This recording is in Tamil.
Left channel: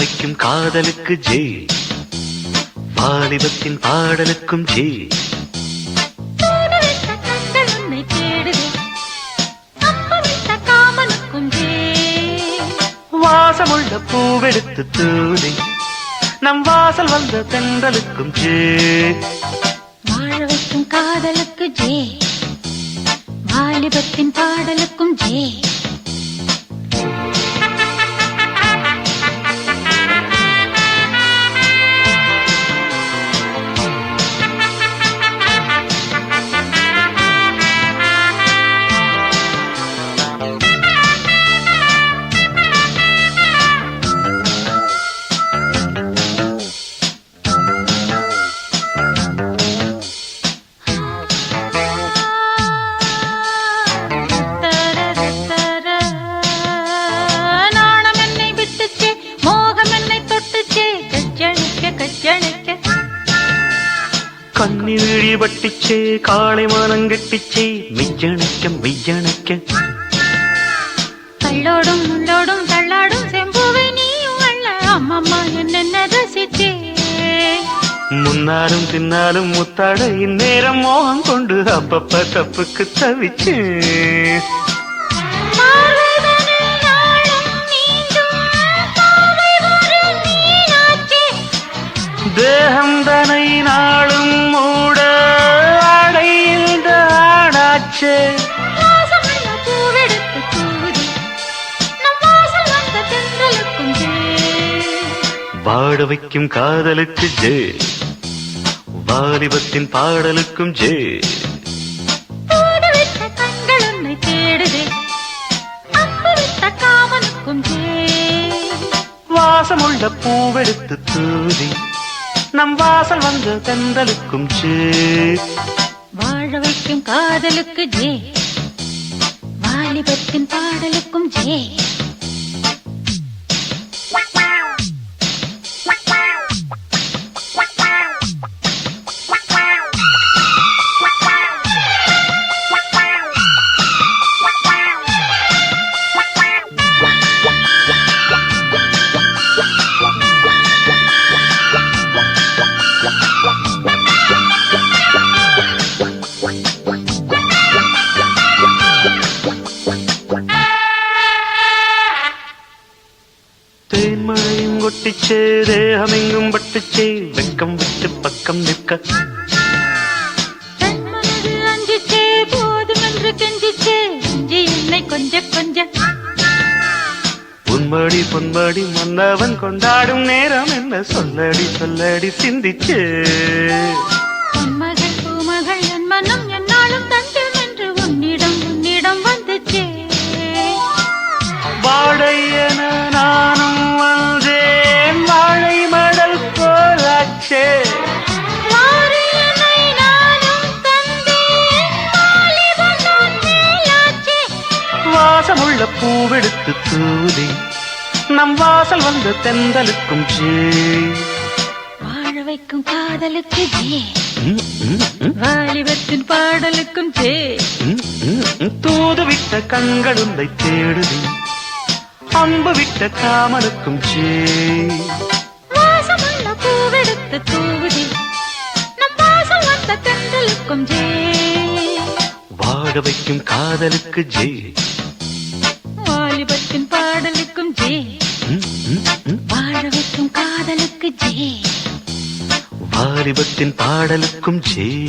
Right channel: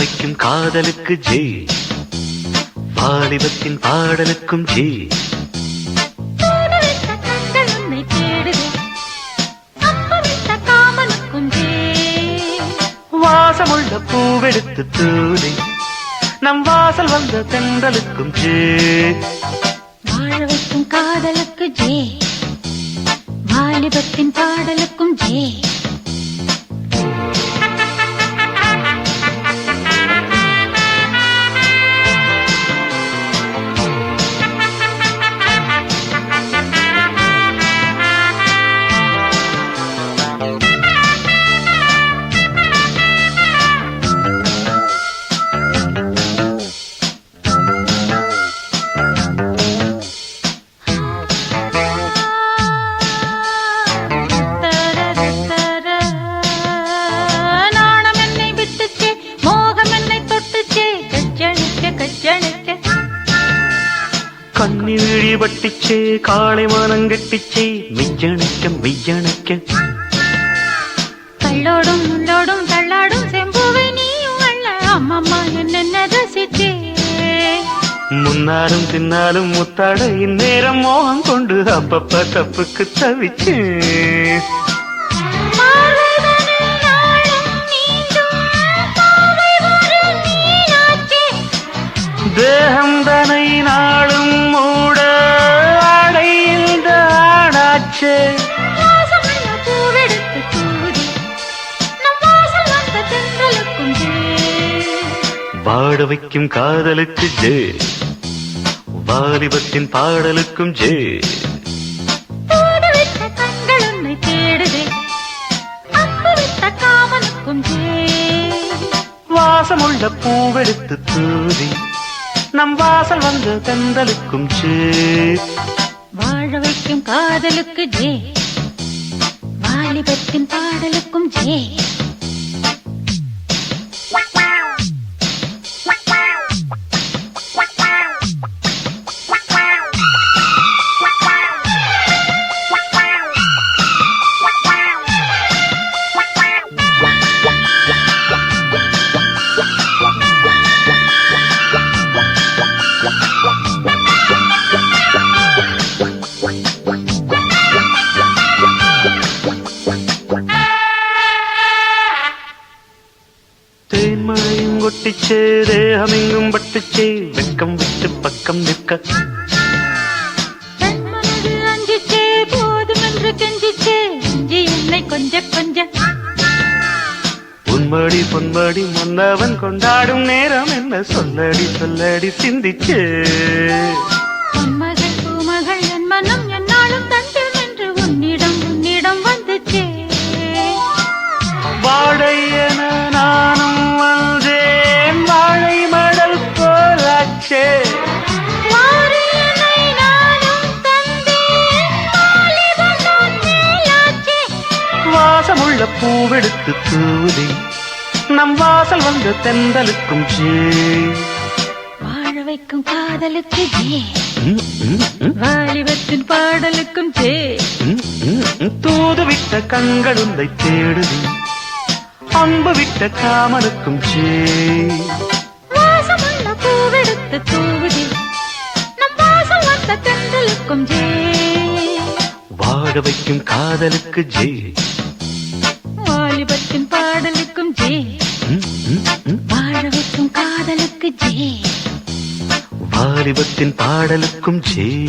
வைக்கும் காதலுக்கு ஜெய், வாலிபத்தின் பாடலுக்கும் ஜெய். வாசமுள்ள பூவெடுத்து தூதி நம் வாசல் வந்த தென்றலுக்கும் ஜெய். வாழ வைக்கும் காதலுக்கு ஜெய், வாலிபத்தின் பாடலுக்கும் ஜெய். கண்ணீழி வட்டிச்சே காளை மானங்கட்டிச்சே மெய்யணைக்க மெய்யணைக்க. கள்ளோடும் முள்ளோடும் தள்ளாடும் செம்புவை நீயும் அல்ல அம்மம்மா என்ன ரசித்தே. முன்னாலும் பின்னாலும் முத்தாட இந்நேரம் மோகம் கொண்டு அப்பப்ப தப்புக்கு தவிச்சே. தேகம் தனை நாளும் மூட அடைந்த ஆடாச்சே. வாட வைக்கும் காதலுக்கு ஜெய், வாலிபத்தின் பாடலுக்கும் ஜெய். வாசமுள்ள பூவெடுத்து தூதி நம் வாசல் வந்த தென்றலுக்கும் ஜெய். வாழ வைக்கும் காதலுக்கு ஜெய், வாலிபத்தின் பாடலுக்கும் ஜெய். தேன்மழையும் கொட்டிச்சே தேகமெங்கும் பட்டுச்சே வெக்கம் விட்டு பக்கம் நிற்க. அஞ்சிச்சே போதும் என்று கெஞ்சிச்சே இஞ்சி என்னை கொஞ்ச கொஞ்ச. உன்மடி பொன்மடி மன்னவன் கொண்டாடும் நேரம் என்ன சொல்லடி சொல்லடி சிந்திச்சே. மகள் பூமகள் என் மனம் என்னாலும் தஞ்சம் என்று உன்னிடம் வந்துச்சே. வாழையன நானும் வந்தேன் வாழை மடல் போலாச்சே. வாசமுள்ள பூவெடுத்து தூது நம் வாசல் வந்த தென்றலுக்கும் ஜெய். வாழ வைக்கும் காதலுக்கு ஜெய், வாலிபத்தின் பாடலுக்கும் ஜெய். தூது விட்ட கண்களுந்தை தேடுது அன்பு விட்ட காமனுக்கும் ஜெய். வாசமுள்ள பூவெடுத்து தூவுது நம் வாசல் வந்த தென்றலுக்கும் ஜெய். வாழ வைக்கும் காதலுக்கு ஜெய், வாலிபத்தின் பாடலுக்கும் ஜெய். வாழ வைக்கும் காதலுக்கு ஜெய், வாலிபத்தின் பாடலுக்கும் ஜெய்.